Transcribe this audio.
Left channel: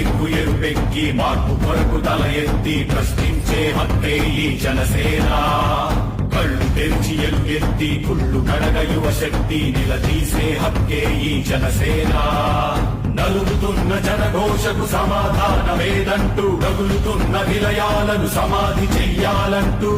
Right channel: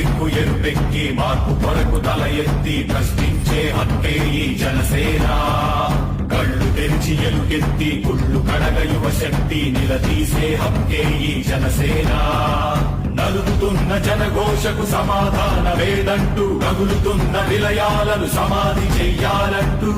సిగ్గు ఎరుపెక్కి మార్పు కొరకు తల ఎత్తి ప్రశ్నించే హక్కే ఈ జనసేన. కళ్ళు తెరిచి ఎలుగెత్తి గుళ్ళు కడగ యువ శక్తి నిలదీసే హక్కే ఈ జనసేన. నలుగుతున్న జనఘోషకు సమాధానమేదంటూ రగులుతున్న నిలయాలను సమాధి చెయ్యాలంటూ